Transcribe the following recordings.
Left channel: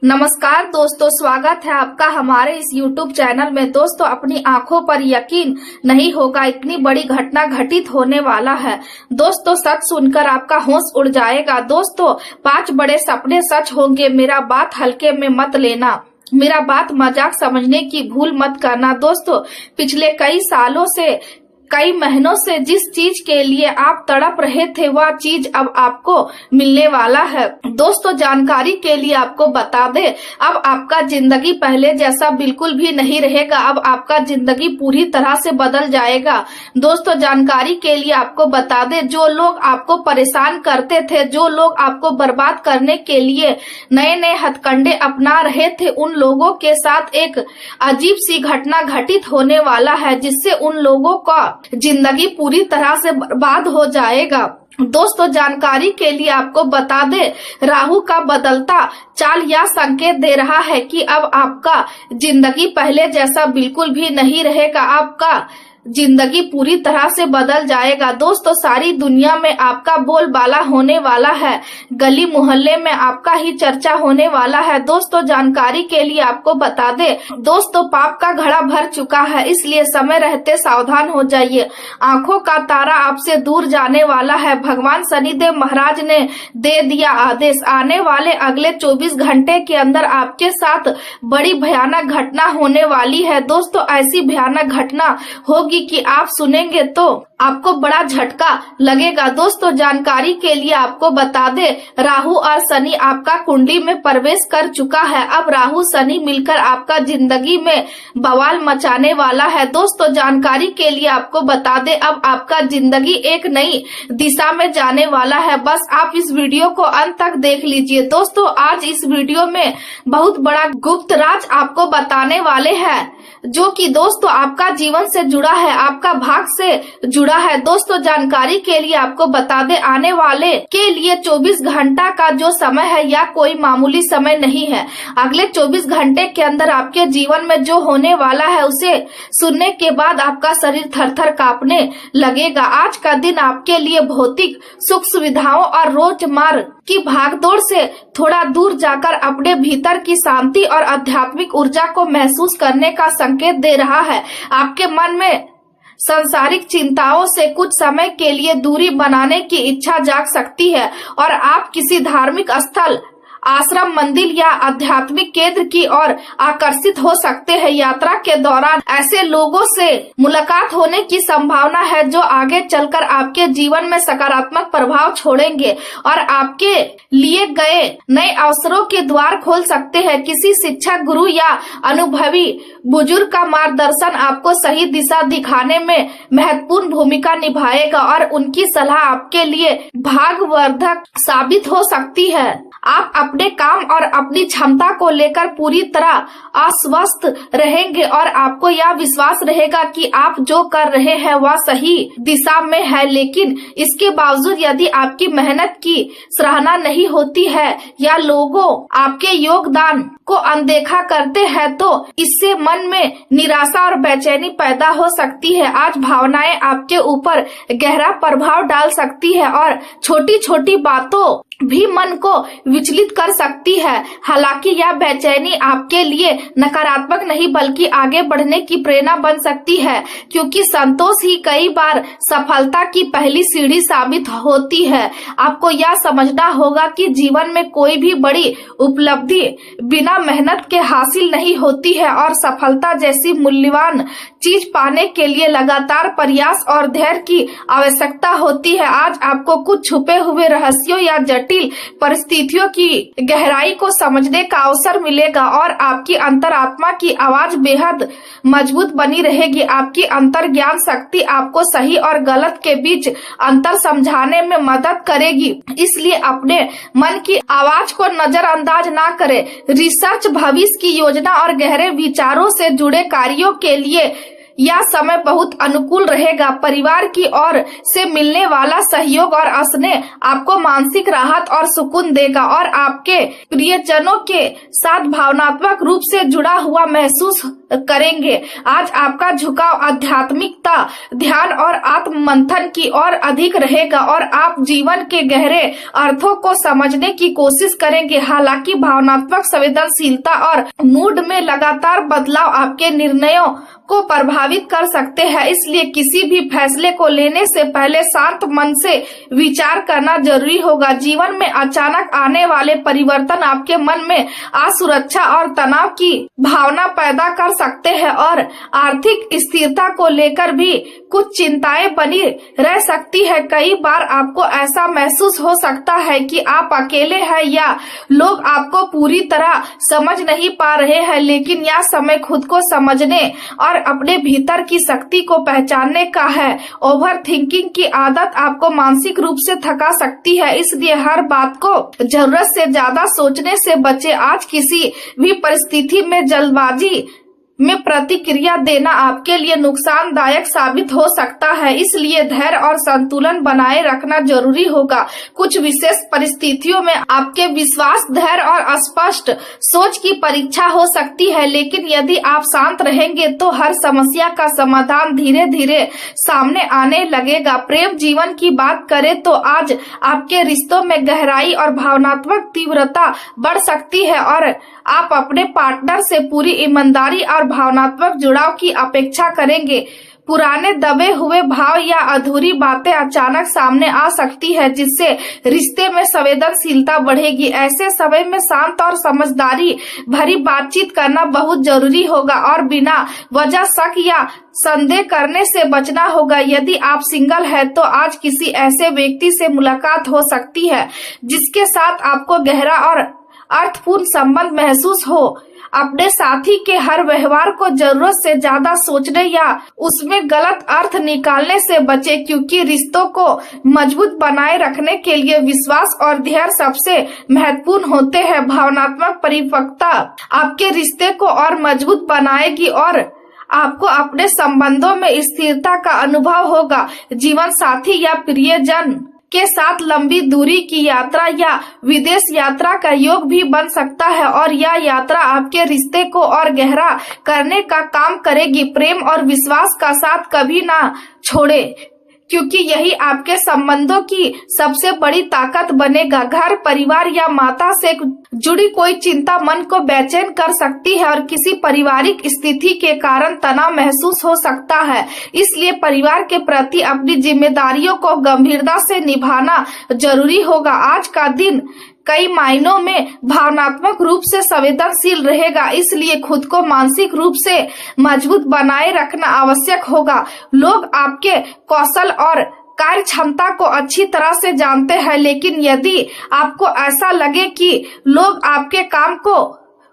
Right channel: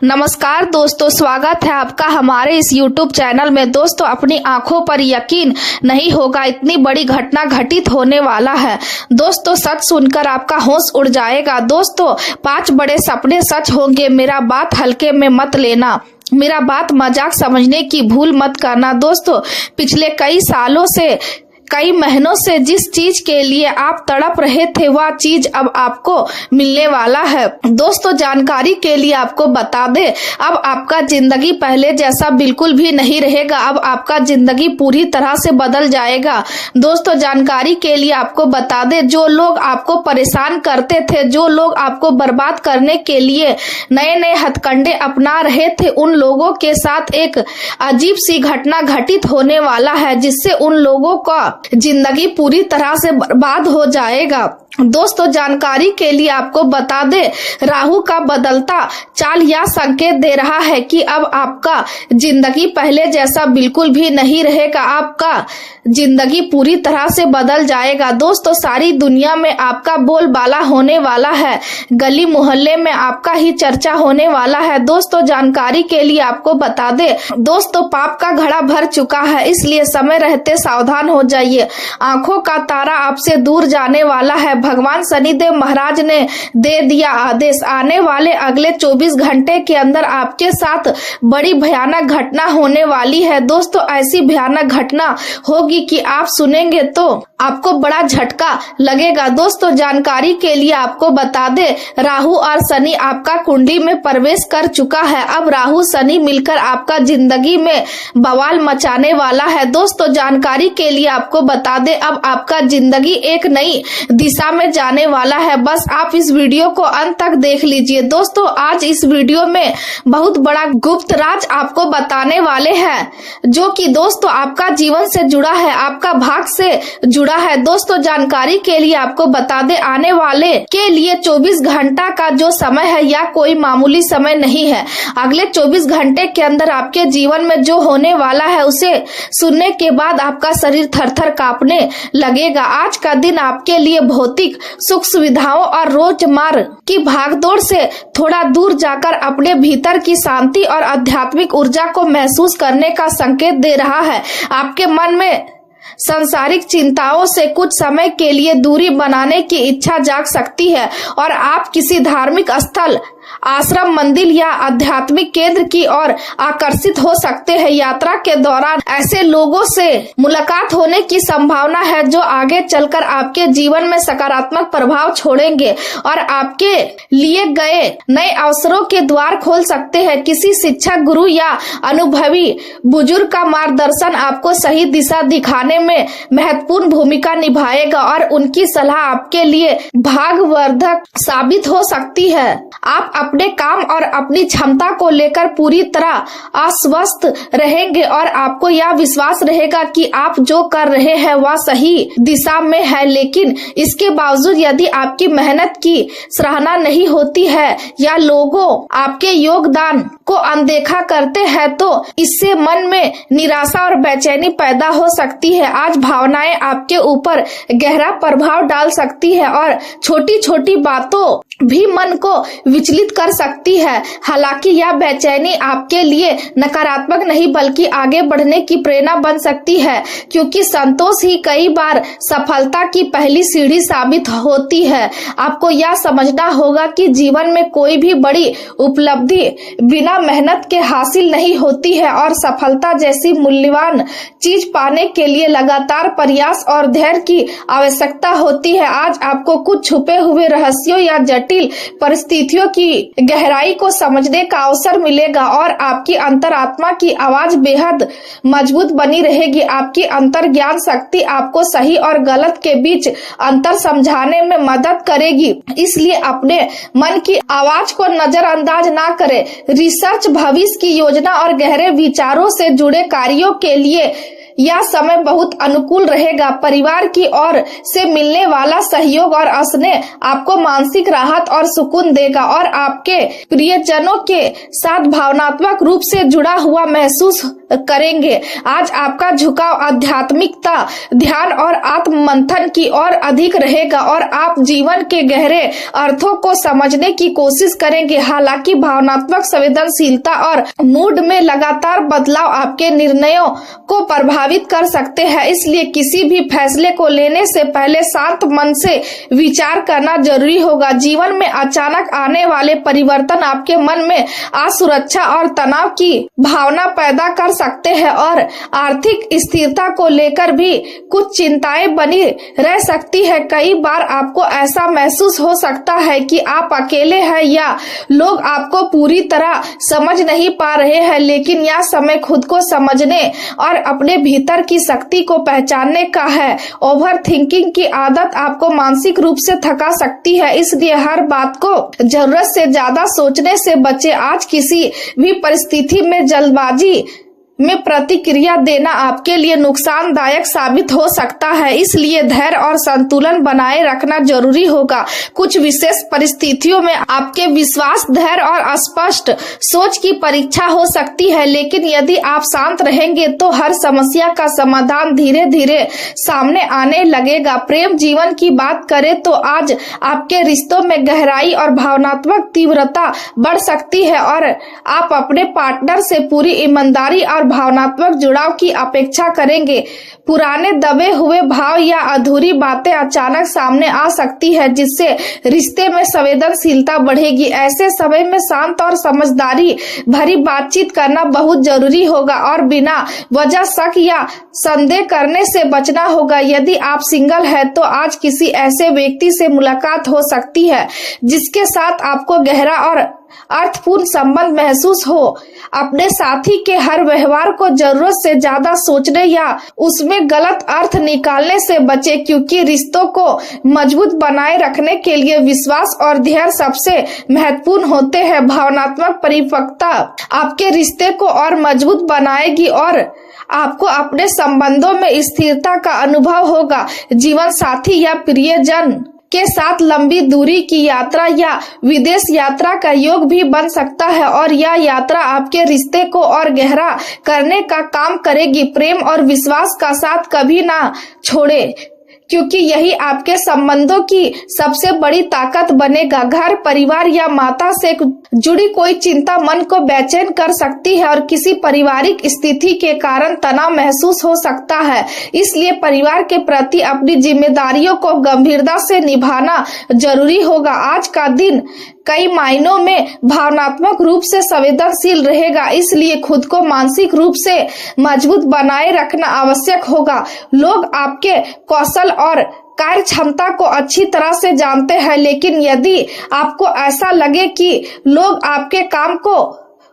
नमस्कार दोस्तों, स्वागत है आपका हमारे इस YouTube चैनल में। दोस्तों, अपनी आंखों पर यकीन नहीं होगा, इतनी बड़ी घटना घटित होने वाला है। दोस्तों, सच सुनकर आपका होश उड़ जाएगा। दोस्तों, 5 बड़े सपने सच होंगे। मेरा बात हल्के में मत लेना, मेरा बात मजाक समझने की भूल मत करना। दोस्तों, पिछले कई महीनों से जिस चीज के लिए आप तड़प रहे थे, वह चीज अब आपको मिलने वाला है। दोस्तों, जानकारी के लिए आपको बता दे, अब आपका जिंदगी पहले जैसा बिल्कुल भी नहीं रहेगा। अब आपका जिंदगी पूरी तरह से बदल जाएगा। दोस्तों, जानकारी के लिए आपको बता दे, जो लोग आपको परेशान करते थे, जो लोग आपको बर्बाद करने के लिए नए नए हथकंडे अपना रहे थे, उन लोगों के साथ एक अजीब सी घटना घटित होने वाला है, जिससे उन लोगों का जिंदगी पूरी तरह से बर्बाद हो जाएगा। दोस्तों, जानकारी के लिए आपको बता दे, राहु का बदलता चाल यह संकेत दे रहा है कि अब आपका जिंदगी पहले जैसा बिल्कुल भी नहीं रहेगा। आपका जिंदगी पूरी तरह से बदल जाएगा। दोस्तों, सारी दुनिया में आपका बोलबाला होने वाला है, गली मोहल्ले में आपका ही चर्चा होने वाला है। दोस्तों, जानकारी के लिए आपको बता दे, दोस्तों, पाप का घड़ा भर चुका है, इसलिए समय रहते सावधान हो जाइए। आंखों का तारा आपसे दूर जाने वाला है। भगवान शनिदेव महाराज ने दे दिया आदेश, आने वाले अगले 24 घंटे के अंदर आपके साथ बड़ी भयानक घटना होने वाली है। दोस्तों, ऐसी भयानक घटना होगी कि आप सुनेंगे तो आपको बड़ा झटका लगेगा। दोस्तों, जानकारी के लिए आपको बता दे, राहु और शनि आपका कुंडली में प्रवेश कर चुका है। अब राहु शनि मिलकर आपका जिंदगी में बवाल मचाने वाला है। दोस्तों, जानकारी के लिए आपको बता दे, अब आपका जिंदगी एक नई दिशा में जाने वाला है। बस आप इस वीडियो को अंत तक देख लीजिए। दोस्तों, आज इस वीडियो में बहुत बड़ा गुप्त राज आपको बताने वाले हैं, जो कि दोस्तों आपका जीवन से जुड़ा है, आपका भाग्य से जुड़ा है। दोस्तों, जानकारी के लिए आपको बता दे, आने वाले के लिए 24 घंटा का जो समय है, यह कोई मामूली समय नहीं है। अगले 24 घंटे के अंदर आपके जीवन में जो होने वाला है, उसे सुनने के बाद आपका शरीर थरथर कांपने लगेगा। आज का दिन आपके लिए भौतिक सुख सुविधाओं और रोजमर्रा की भागदौड़ से थोड़ा दूर जाकर अपने भीतर की शांति और आध्यात्मिक ऊर्जा को महसूस करने का संकेत दे रहा है। आपके मन में सांसारिक चिंताओं से कुछ समय के लिए दूरी बनाने की इच्छा जाग सकती है और आप किसी धार्मिक स्थल, आश्रम, मंदिर या आध्यात्मिक केंद्र की ओर आकर्षित हो सकते हैं। यात्रा के दौरान ऐसे लोगों से मुलाकात होने की संभावना है जो आगे चलकर आपके जीवन में सकारात्मक प्रभाव छोड़ेंगे और आपके लिए गए नए अवसरों के द्वार खोल सकते हैं। किसी शिक्षक, गुरु या अनुभवी बुजुर्ग का मार्गदर्शन आपको सही दिशा दिखाने में महत्वपूर्ण भूमिका निभाएगा और उनकी सलाह आपके लिए भाग्यवर्धक साबित हो सकती है। आप अपने काम और अपनी क्षमता को लेकर पूरी तरह आश्वस्त रहेंगे और आपको यह विश्वास रहेगा कि आप जो कर रहे हैं वह सही दिशा में है। लेकिन इसके बावजूद यदि आपकी मेहनत की सराहना नहीं होती है या लोगों आपके योगदान को अनदेखा करते हैं, तो इससे मन में निराशा और बेचैनी पैदा हो सकती है। आज भावनाएं आपके ऊपर गहरा प्रभाव डाल सकती है और छोटी छोटी बातों भी मन को विचलित कर सकती है। हालांकि यह बेचैनी आपके लिए नकारात्मक नहीं बल्कि आगे बढ़ने की प्रेरणा बन सकती है, क्योंकि संतोष ही कई बार सफलता की पहली सीढ़ी साबित होती है। आपको यह समझना होगा कि जीवन में कोई भी बड़ी उपलब्धि बिना मेहनत के हासिल नहीं होती है और सफलता जैसी मूल्यवान चीज पाने के लिए लगातार प्रयास और धैर्य की आवश्यकता होती है। आज आपको कुछ छुपे हुए रहस्यों या जटिल परिस्थितियों की गहराई को समझने का अवसर मिलेगा और आपकी अंतरात्मा की आवाज बेहद मजबूत बनी रहेगी। आपकी अंतर ज्ञान शक्ति आपको सही और गलत के बीच अंतर समझाने में मदद करेगी। इसलिए अपने मन की आवाज को नजरअंदाज ना करें। रिसर्च, भविष्य की योजना और गहरे विचारों से जुड़े कार्यों के लिए यह समय बहुत अनुकूल रहेगा। परिवार की ओर से मिलने वाला सहयोग और स्नेह आपको मानसिक राहत और सुकून देगा और आपके प्रियजनों के साथ भावनात्मक रूप से जुड़ा हुआ महसूस करेंगे। आज आपका झुकाव आध्यात्मिकता, ध्यान और आत्म मंथन की ओर अधिक रहेगा और आप जीवन के गहरे अर्थों को समझने की कोशिश करेंगे। हालांकि भावनात्मक संवेदनशीलता और मूड में लगातार बदलाव आपके निर्णयों को प्रभावित कर सकते हैं, इसलिए किसी भी फैसले को लेने से पहले शांत मन से विचार करना जरूरी होगा। जीवन में अचानक आने वाले परिवर्तन आपके मन में असुरक्षा और तनाव की भावना पैदा कर सकते हैं और आर्थिक स्थिरता को लेकर भी कुछ चिंताएं बनी रह सकती है। कई बार आपको ऐसा महसूस हो सकता है कि आप अकेले हैं या लोग आपको पूरी तरह समझ नहीं पा रहे हैं, लेकिन यह समय खुद को समझने और अपने भीतर की शक्ति को पहचानने का है। ओवर थिंकिंग की आदत आपको मानसिक रूप से थका सकती है, इसलिए हर बात को जरूरत से ज्यादा सोचने से बचें। आज किसी भी परिस्थिति में जल्दबाजी में प्रतिक्रिया देना आपके लिए नुकसानदायक साबित हो सकता है, इसलिए धैर्य और संतुलन बनाए रखना जरूरी होगा। कुछ विशेष परिस्थितियों में आपके विश्वास, धैर्य और स्पष्ट सोच की परीक्षा हो सकती है, लेकिन यदि आप शांत रहेंगे तो हर समस्या का समाधान धीरे धीरे सामने आने लगेगा। प्रेम जीवन की बात करें तो आज आपके रिश्तों में गहराई और भावनात्मक तीव्रता बढ़ सकती है और आप अपने पार्टनर से पूरी ईमानदारी और भावनात्मक जुड़ाव की अपेक्षा करेंगे। पुराने दबे हुए भाव या अधूरी बातें अचानक सामने आ सकती है, जिससे रिश्ते में संवेदनशीलता बढ़ेगी। ऐसे समय में शांत और समझदारी भरी बातचीत करना बहुत जरूरी होगा और बिना वजह शक या संदेह करने से बचना होगा। यदि आप सिंगल हैं तो आज किसी ऐसे व्यक्ति से मुलाकात हो सकती है जिसके साथ आपको गहरा और अर्थपूर्ण संबंध महसूस हो। अपने साथी के हर व्यवहार को जरूरत से ज्यादा सोचने या उसमें गलत अर्थ निकालने से बचें, क्योंकि रिश्तों को मजबूत बनाए रखने के लिए विश्वास और धैर्य सबसे महत्वपूर्ण होते हैं। भावनात्मक परिपक्वता आपके रिश्ते को और मजबूत बनाएगी और आपको अपने संबंधों में स्थिरता का अनुभव होगा। जीवन साथी या प्रियजन के साथ लंबी दूरी की यात्रा या विदेश यात्रा का योग भी बन सकता है और यह यात्रा आपके रिश्ते को और गहरा करने का काम करेगी। प्रेम और विश्वास का साथ कभी ना छोड़े, क्योंकि यही आपके संबंधों की सबसे बड़ी ताकत बनेगा। घर, परिवार या माता से जुड़ी कोई चिंता मन को बेचैन कर सकती है और किसी पारिवारिक स्थिति के कारण तनाव महसूस हो सकता है, इसलिए परिवार के प्रति अपनी जिम्मेदारियों को गंभीरता से निभाना जरूरी होगा। आज का दिन कई मायनों में भावनात्मक रूप से संवेदनशील रहेगा, इसलिए खुद को मानसिक रूप से मजबूत बनाए रखना आवश्यक होगा। लोग आपके कौशल और कार्य क्षमता को अच्छी तरह से जानते हैं, लेकिन यदि आपको ऐसा लगे कि लोग आपके काम को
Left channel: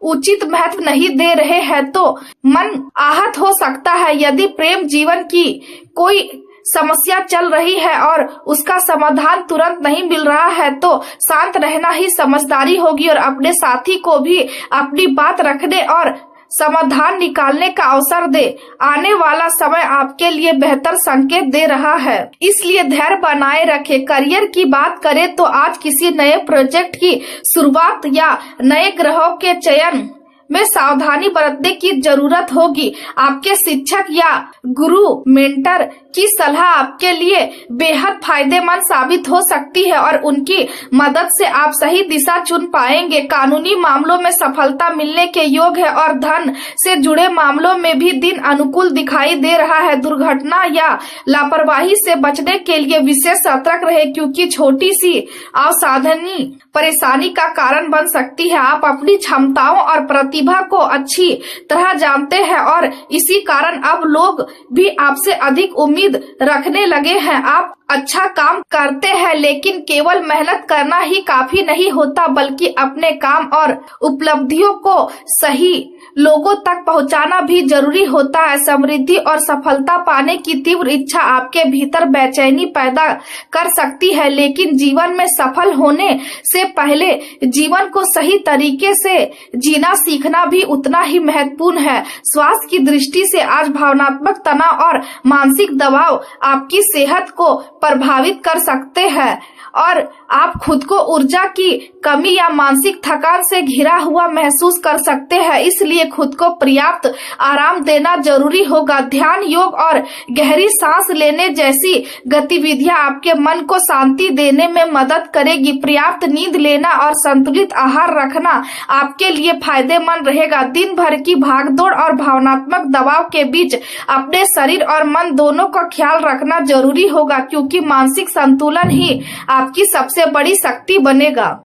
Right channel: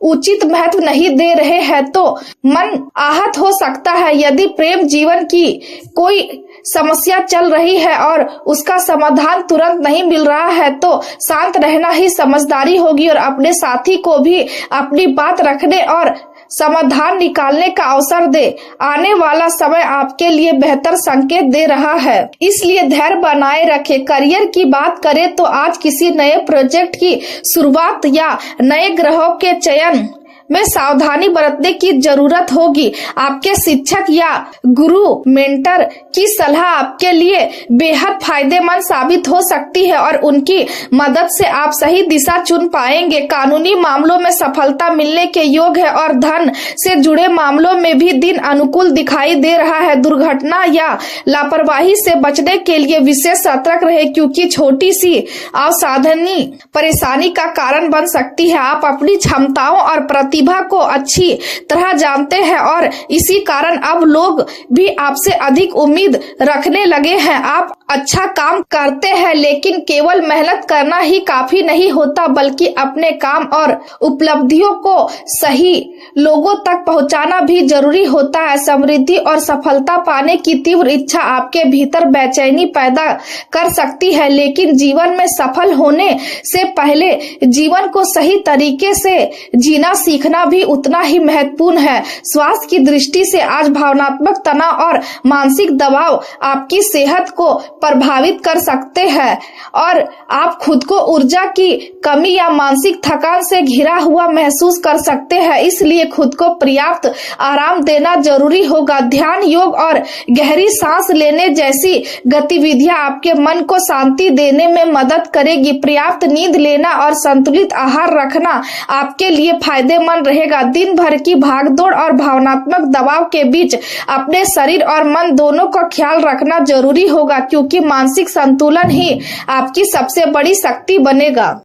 उचित महत्व नहीं दे रहे हैं तो मन आहत हो सकता है। यदि प्रेम जीवन की कोई समस्या चल रही है और उसका समाधान तुरंत नहीं मिल रहा है तो शांत रहना ही समझदारी होगी और अपने साथी को भी अपनी बात रखने और समाधान निकालने का अवसर दे। आने वाला समय आपके लिए बेहतर संकेत दे रहा है, इसलिए धैर्य बनाए रखें। करियर की बात करें तो आज किसी नए प्रोजेक्ट की शुरुआत या नए ग्रहों के चयन में सावधानी बरतने की जरूरत होगी। आपके शिक्षक या गुरु, मेंटर की सलाह आपके लिए बेहद फायदेमंद साबित हो सकती है और उनकी मदद से आप सही दिशा चुन पाएंगे। कानूनी मामलों में सफलता मिलने के योग है और धन से जुड़े मामलों में भी दिन अनुकूल दिखाई दे रहा है। दुर्घटना या लापरवाही से बचने के लिए विशेष सतर्क रहे, क्योंकि छोटी सी असावधानी परेशानी का कारण बन सकती है। आप अपनी क्षमताओं और प्रतिभा को अच्छी तरह जानते हैं और इसी कारण अब लोग भी आपसे अधिक उम्मीद रखने लगे हैं। आप अच्छा काम करते हैं, लेकिन केवल मेहनत करना ही काफी नहीं होता, बल्कि अपने काम और उपलब्धियों को सही लोगों तक पहुंचाना भी जरूरी होता है। समृद्धि और सफलता पाने की तीव्र इच्छा आपके भीतर बेचैनी पैदा कर सकती है, लेकिन जीवन में सफल होने से पहले जीवन को सही तरीके से जीना सीखना भी उतना ही महत्वपूर्ण है। स्वास्थ्य की दृष्टि से आज भावनात्मक तनाव और मानसिक दबाव आपकी सेहत को प्रभावित कर सकते हैं और आप खुद को ऊर्जा की कमी या मानसिक थकान से घिरा हुआ महसूस कर सकते हैं। इसलिए खुद को पर्याप्त आराम देना जरूरी होगा। ध्यान, योग और गहरी सांस लेने जैसी गतिविधियां आपके मन को शांति देने में मदद करेगी। पर्याप्त नींद लेना और संतुलित आहार रखना आपके लिए फायदेमंद रहेगा। दिन भर की भागदौड़ और भावनात्मक दबाव के बीच अपने शरीर और मन दोनों का ख्याल रखना जरूरी होगा, क्योंकि मानसिक संतुलन ही आपकी सबसे बड़ी शक्ति बनेगा।